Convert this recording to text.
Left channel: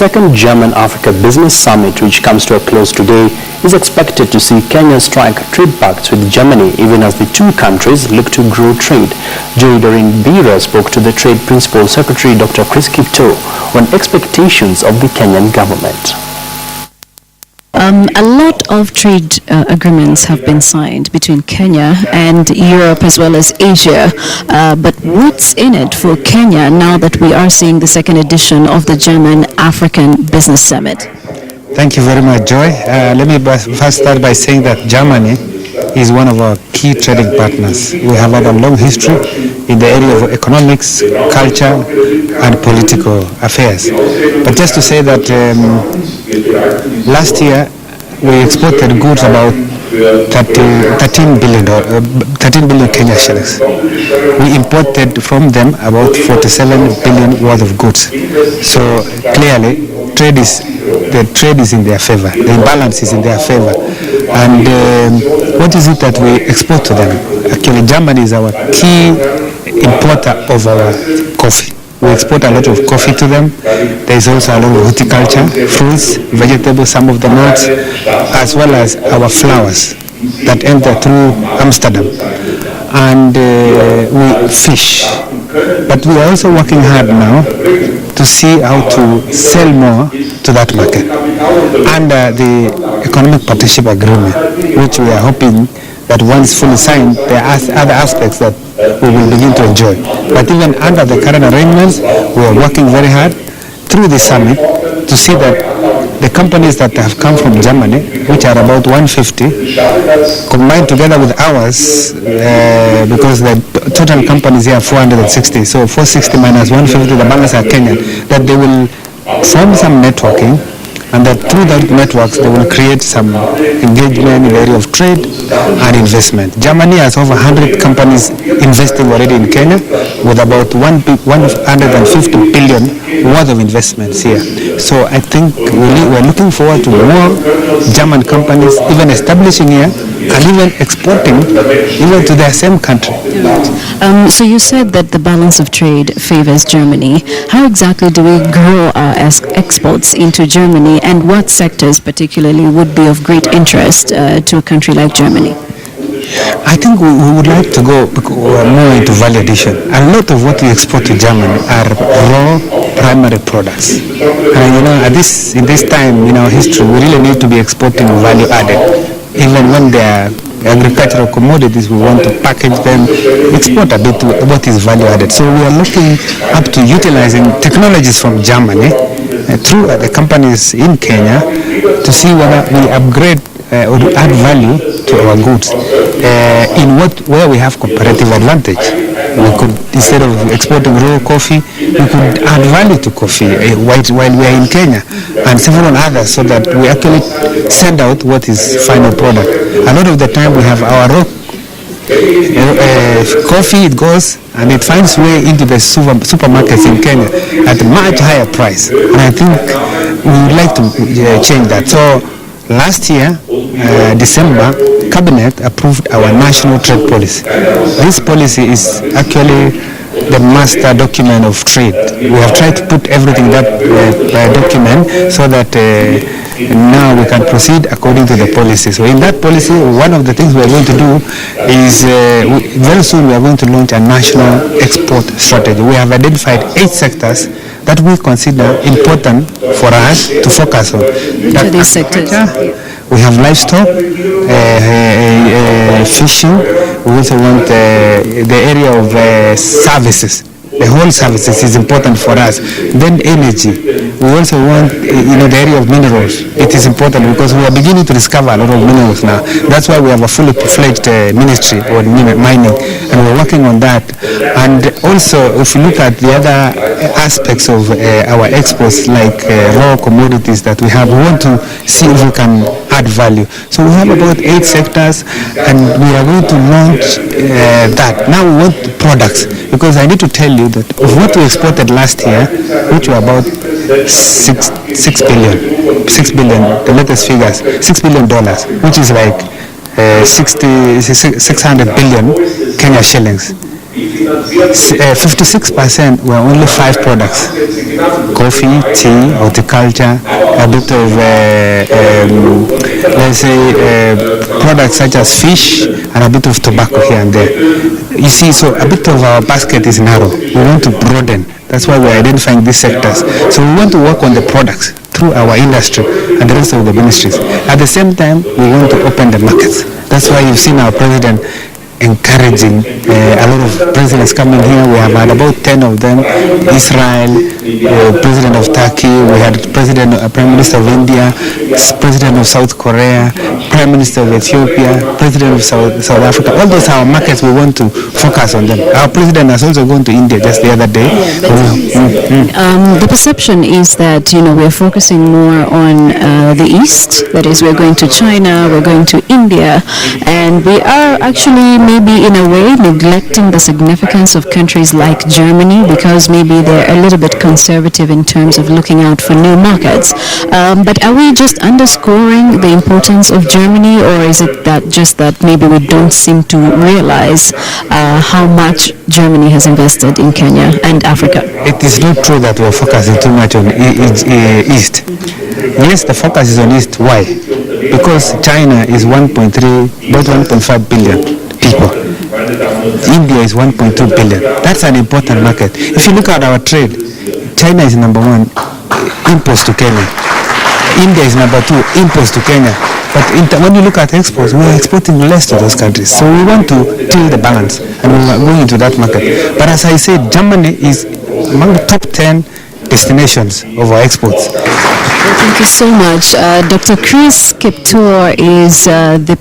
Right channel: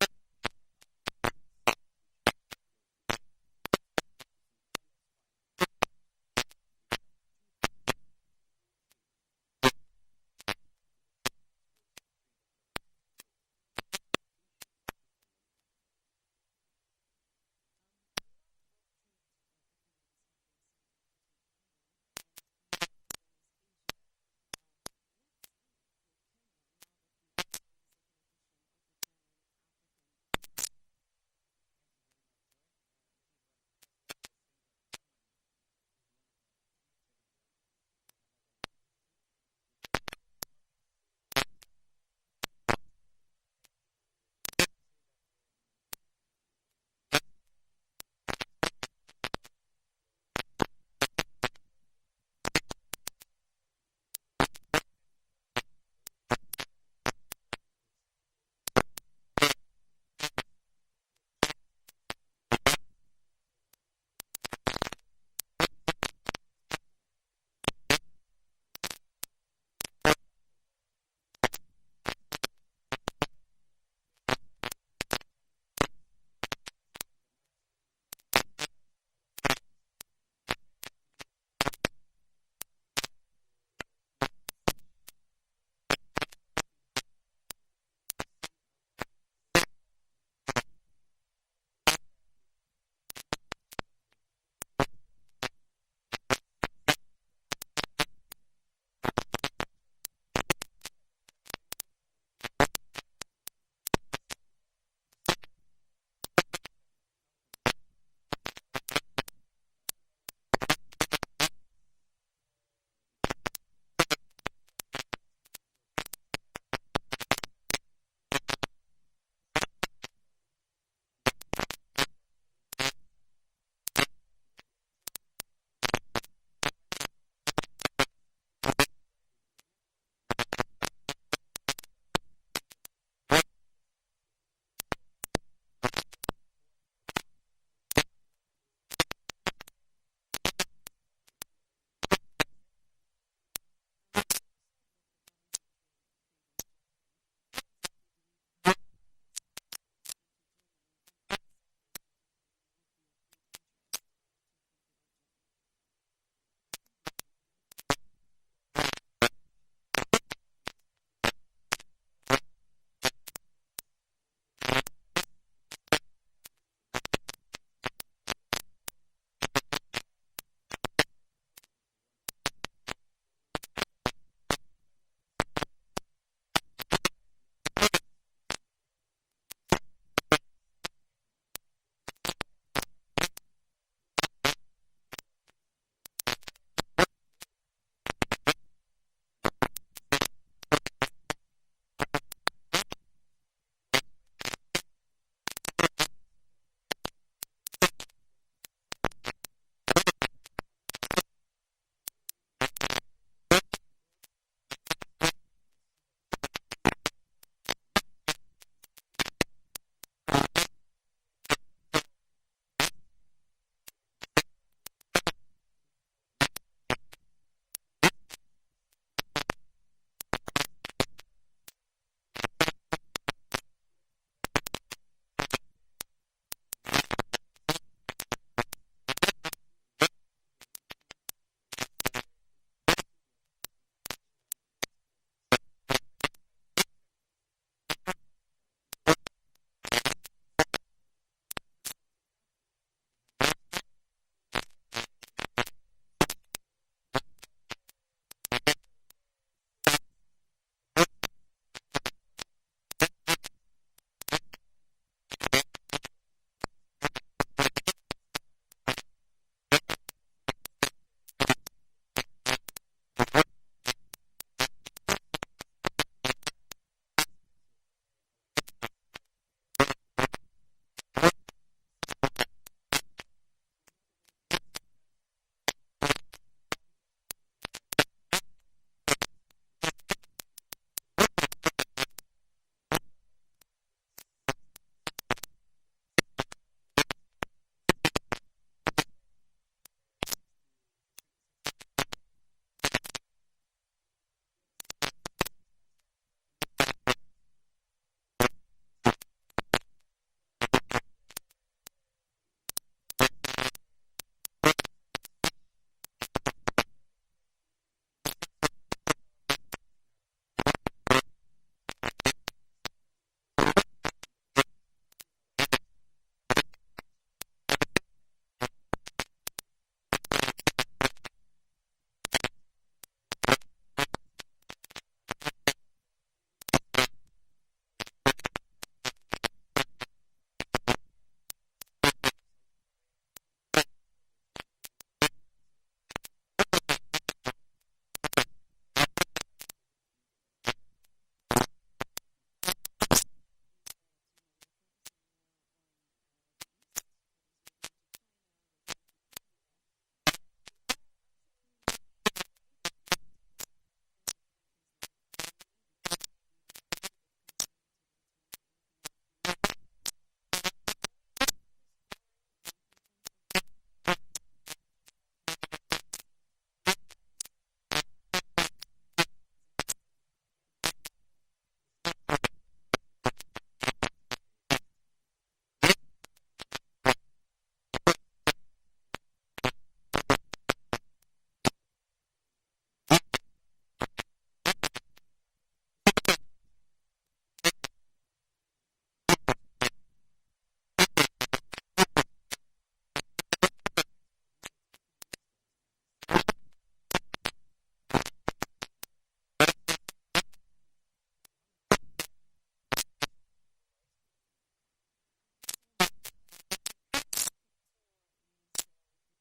second German-Africa Business Summit, which comes to a close today, is expected to see Kenya strike trade pacts with Germany, even as the two countries look to grow trade. Joy Doreen Bira spoke to the Trade Principal Secretary Dr. Chris Kipto on expectations of the Kenyan government. A lot of trade agreements have been signed between Kenya and Europe as well as Asia. But what's in it for Kenya now that we are seeing the second edition of the German-African Business Summit? Thank you very much, Joy. Let me first start by saying that Germany is one of our key trading partners. We have had a long history in the area of economics, culture, and political affairs. But just to say that last year we exported goods about 13 billion Kenya shillings. We imported from them about 47 billion worth of goods. So clearly, the trade is in their favor. The imbalance is in their favor. And what is it that we export to them? Actually, Germany is our key importer of our coffee. We export a lot of coffee to them. There is also a lot of horticulture, fruits, vegetables, some of the nuts, as well as our flowers that enter through Amsterdam. And we fish. But we are also working hard now to see how to sell more to that market under the Economic Partnership Agreement, which we are hoping that once fully signed, there are other aspects that we will begin to enjoy. But even under the current arrangements, we are working very hard through the summit to see that the companies that have come from Germany, which are about 150, combined together with ours, because the total companies here are 460, so 460 minus 150, the balance are Kenyan, that they will form some networking, and that through that networks they will create some engagement in the area of trade and investment. Germany has over 100 companies investing already in Kenya, with about 150 billion worth of investments here. So I think we're looking forward to more German companies even establishing here and even exporting even to their same country. So you said that the balance of trade favors Germany. How exactly do we grow our exports into Germany, and what sectors particularly would be of great interest to a country like Germany? I think we would like to go more into value addition. A lot of what we export to Germany are raw primary products. And in this time in our history, we really need to be exporting value added. Even when they are agricultural commodities, we want to package them, export a bit what is value added. So we are looking up to utilizing technologies from Germany through the companies in Kenya to see whether we upgrade or add value to our goods where we have comparative advantage. We could, instead of exporting raw coffee, we could add value to coffee while we are in Kenya, and several others, so that we actually send out what is final product. A lot of the time we have our raw coffee, it goes and it finds way into the supermarkets in Kenya at a much higher price. And I think we would like to change that. So last year, December, Cabinet approved our national trade policy. This policy is actually the master document of trade. We have tried to put everything in that document so that now we can proceed according to the policy. So in that policy, one of the things we are going to do is very soon we are going to launch a national export strategy. We have identified 8 sectors that we consider important for us to focus on. Which are these sectors? We have livestock, fishing. We also want the area of services. The whole services is important for us. Then energy. We also want, the area of minerals. It is important because we are beginning to discover a lot of minerals now. That's why we have a fully fledged ministry on mining, and we're working on that. And also, if you look at the other aspects of our exports, like raw commodities that we have, we want to see if we can add value. So we have about 8 sectors, and we are going to launch that. Now we want products, because I need to tell you that of what we exported last year, which were about 6 billion, the latest figures, $6 billion, which is like 600 billion Kenya shillings. 56% were only 5 products: coffee, tea, horticulture, a bit of, let's say, products such as fish, and a bit of tobacco here and there. You see, so a bit of our basket is narrow. We want to broaden. That's why we're identifying these sectors. So we want to work on the products through our industry and the rest of the ministries. At the same time, we want to open the markets. That's why you've seen our president encouraging a lot of presidents coming here. We have had about 10 of them. Israel, President of Turkey, we had Prime Minister of India, President of South Korea, Prime Minister of Ethiopia, President of South Africa. All those are our markets. We want to focus on them. Our president has also gone to India just the other day. The perception is that, we're focusing more on the East. That is, we're going to China, we're going to India, and we are actually maybe in a way neglecting the significance of countries like Germany because maybe they're a little bit conservative in terms of looking out for new markets. But are we just underscoring the importance of Germany, or is it that maybe we don't seem to realize how much Germany has invested in Kenya and Africa? It is not true that we're focusing too much on East. Yes, the focus is on East. Why? Because China is about 1.5 billion people. India is 1.2 billion. That's an important market. If you look at our trade, China is number one, imports to Kenya. India is number two, imports to Kenya. But when you look at exports, we are exporting less to those countries. So we want to tilt the balance, and we are going into that market. But as I said, Germany is among the top 10 destinations of our exports. Thank you so much. Dr. Chris Kiptor is the